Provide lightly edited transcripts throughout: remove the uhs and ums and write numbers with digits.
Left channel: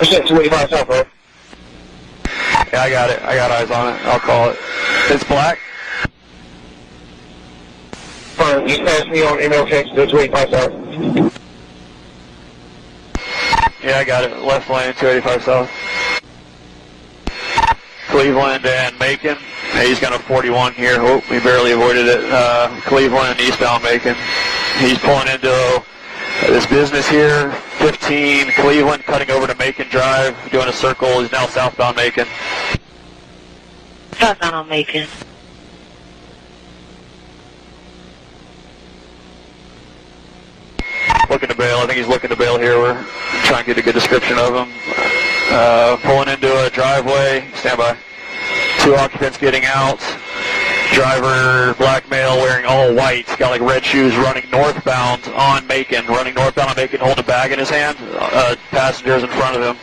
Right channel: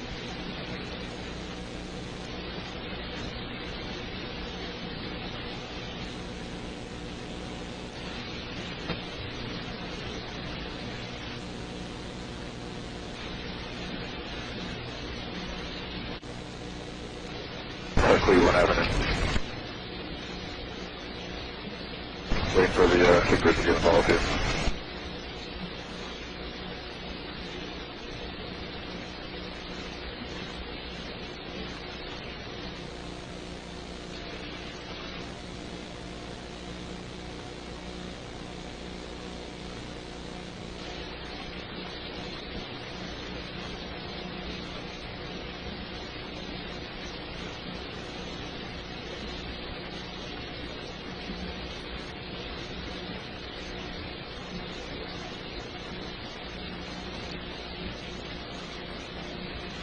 Percent 285 south, right? Yeah, I got it. I got eyes on it. I'll call it. It's black. Fine, you passed me on email text to 285 south. Yeah, I got it. Left lane, 285 south. Cleveland and Macon. He's got a 41 here. Oh, we barely avoided it. Cleveland, eastbound Macon. He's pulling into this business here. 15, Cleveland, cutting over to Macon Drive, doing a circle. He's now southbound Macon. Southbound on Macon. Looking to bail. I think he's looking to bail here. We're trying to get a good description of him. Pulling into a driveway. Stand by. 2 occupants getting out. Driver, black male, wearing all white. Got like red shoes, running northbound on Macon. Running northbound on Macon, holding a bag in his hand. Passengers in front of him.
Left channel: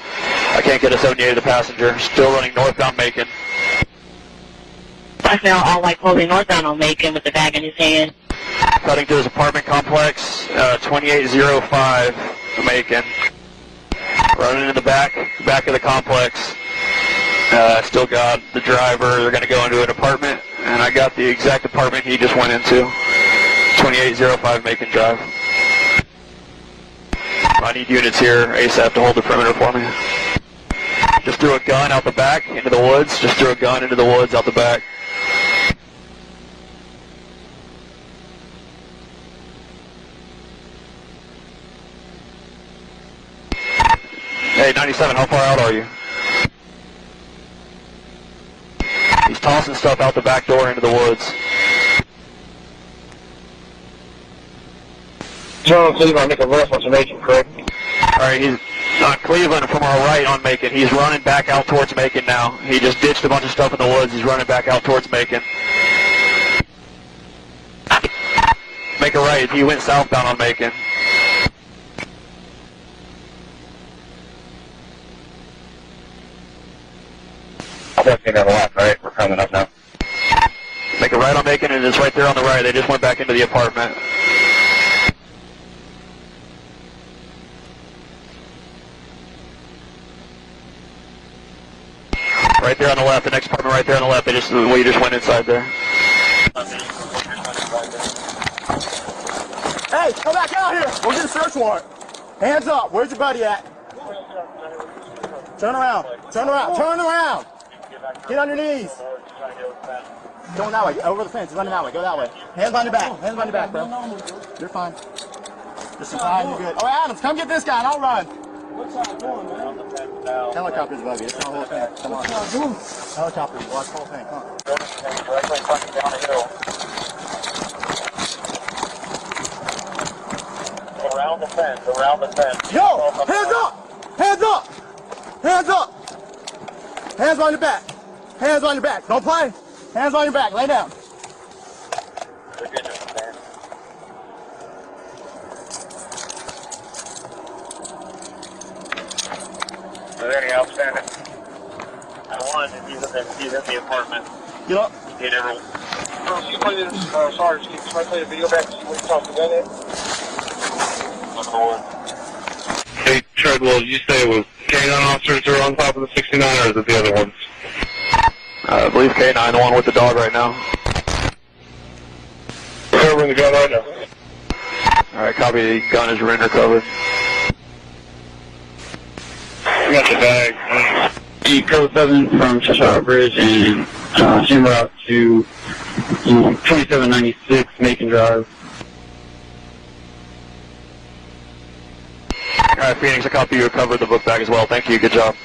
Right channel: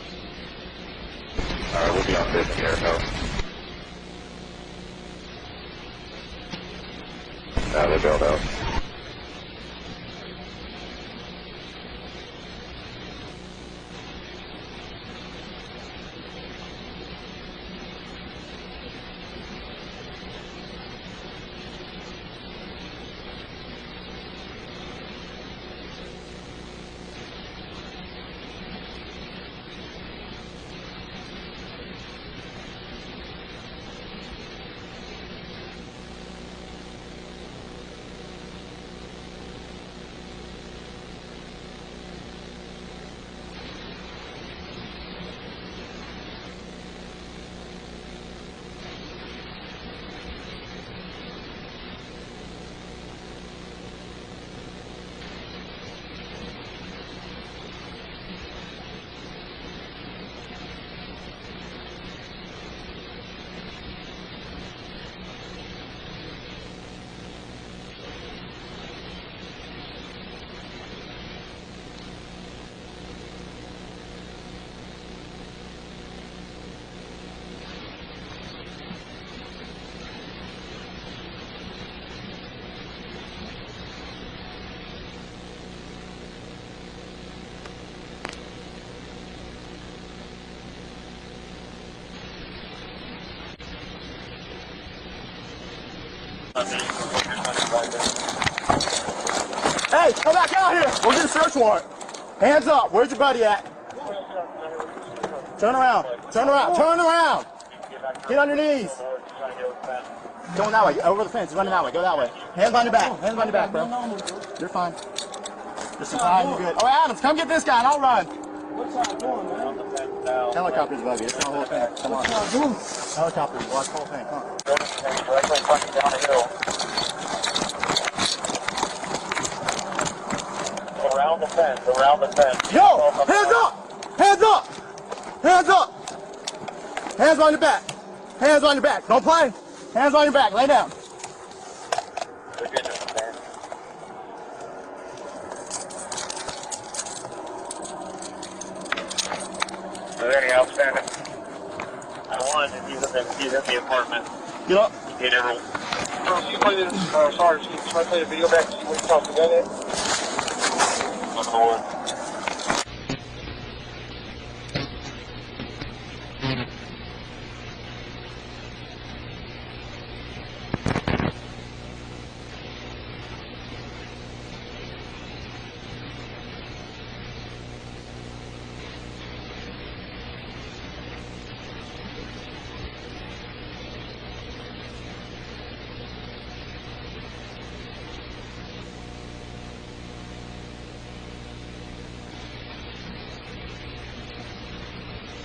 I can't get a 78 of the passenger. Still running northbound Macon. Black male, all white, clothing, northbound on Macon with the bag in his hand. Cutting to his apartment complex, 2805 Macon. Running in the back of the complex. Still got the driver. They're going to go into an apartment, and I got the exact apartment he just went into. 2805 Macon Drive. I need units here ASAP to hold the perimeter for me. Just threw a gun out the back into the woods. Just threw a gun into the woods out the back. Hey, 97, how far out are you? He's tossing stuff out the back door into the woods. John Cleveland, I make a left on Macon, correct? Alright, he's on Cleveland from our right on Macon. He's running back out towards Macon now. He just ditched a bunch of stuff in the woods. He's running back out towards Macon. Make a right. He went southbound on Macon. I'll definitely have a left, right? We're coming up now. Make a right on Macon, and it's right there on the right. They just went back into the apartment. Right there on the left, the next apartment right there on the left. They just, we just went inside there. Hey, come back out here. We'll get a search warrant. Hands up. Where's your buddy at? Turn around. Turn around. Turn around. Get on your knees. Going that way. Over the fence. Running that way. Go that way. Hands on your back. Hands on your back, bro. You're fine. Just fine. You're good. Oh, Adams, come get this guy and I'll run. What's that doing, man? Helicopter's above you. It's the whole thing. Come on. Helicopter. Watch the whole thing. Come on. Directly fucking down the hill. Around the fence. Around the fence. Yo! Hands up! Hands up! Hands up! Hands on your back. Hands on your back. Don't play. Hands on your back. Lay down. They're good, man. Is there any outstanding? One, he's in the apartment. Get up. He never. Can you play this, Sarge, can you play the video back to see what you talked about it? I'm going. Hey, Treadwell, did you say it was K9 officers are on top of the 69, or is it the other ones? I believe K9, the one with the dog right now. Covering the gun right now. Alright, copy. The gun is render covered. I got the bag. Code 7 from Cheshire Bridge and en route to 2796 Macon Drive. Alright, Phoenix, I copy you. Covered the book bag as well. Thank you. Good job.